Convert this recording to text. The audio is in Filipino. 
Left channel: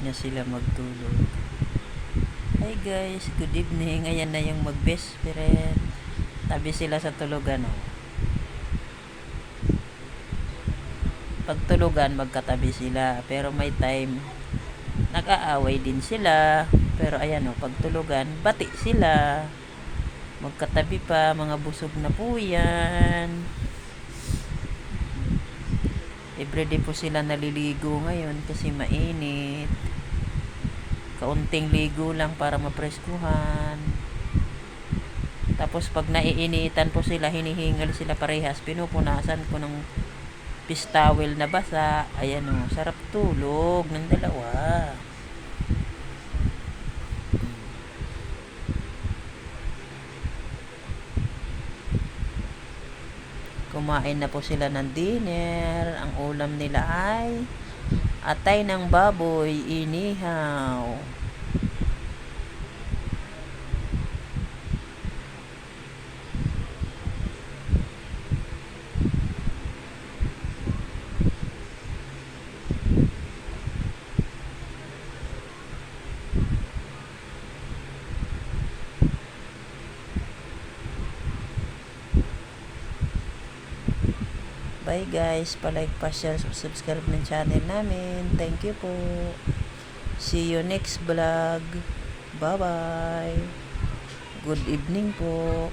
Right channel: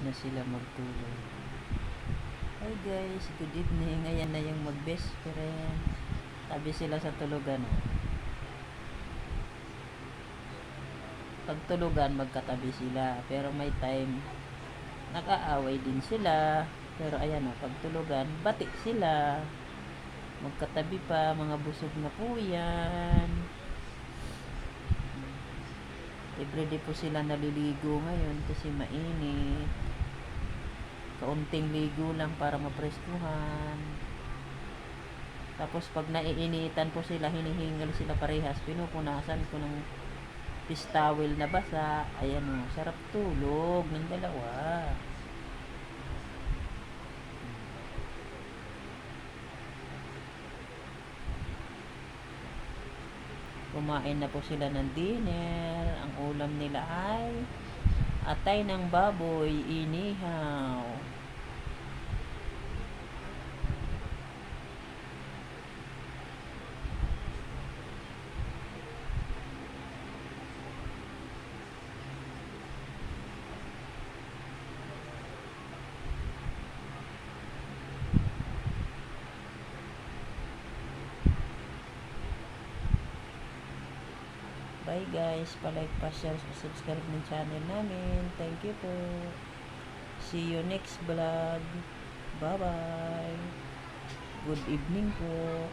Ready na sila magtulog. Hi guys, good evening. Ayan na yung mag-best friend. Tabi sila sa tulugan. Pagtulugan, magkatabi sila. Pero may time, nakaaway din sila. Pero ayan o, pagtulugan, bati sila. Magkatabi pa, mga busog na po yan. Everyday po sila naliligo ngayon kasi mainit. Kaunting ligo lang para mapreskuhan. Tapos pag naiinitan po sila, hinihingal sila parehas. Pinupunasan ko ng pistawel na basa. Ayan o, sarap tulog ng dalawa. Kumain na po sila ng dinner. Ang ulam nila ay atay ng baboy, inihaw. Bye guys, palike, pa-share, subscribe ng channel namin. Thank you po. See you next vlog. Bye bye. Good evening po.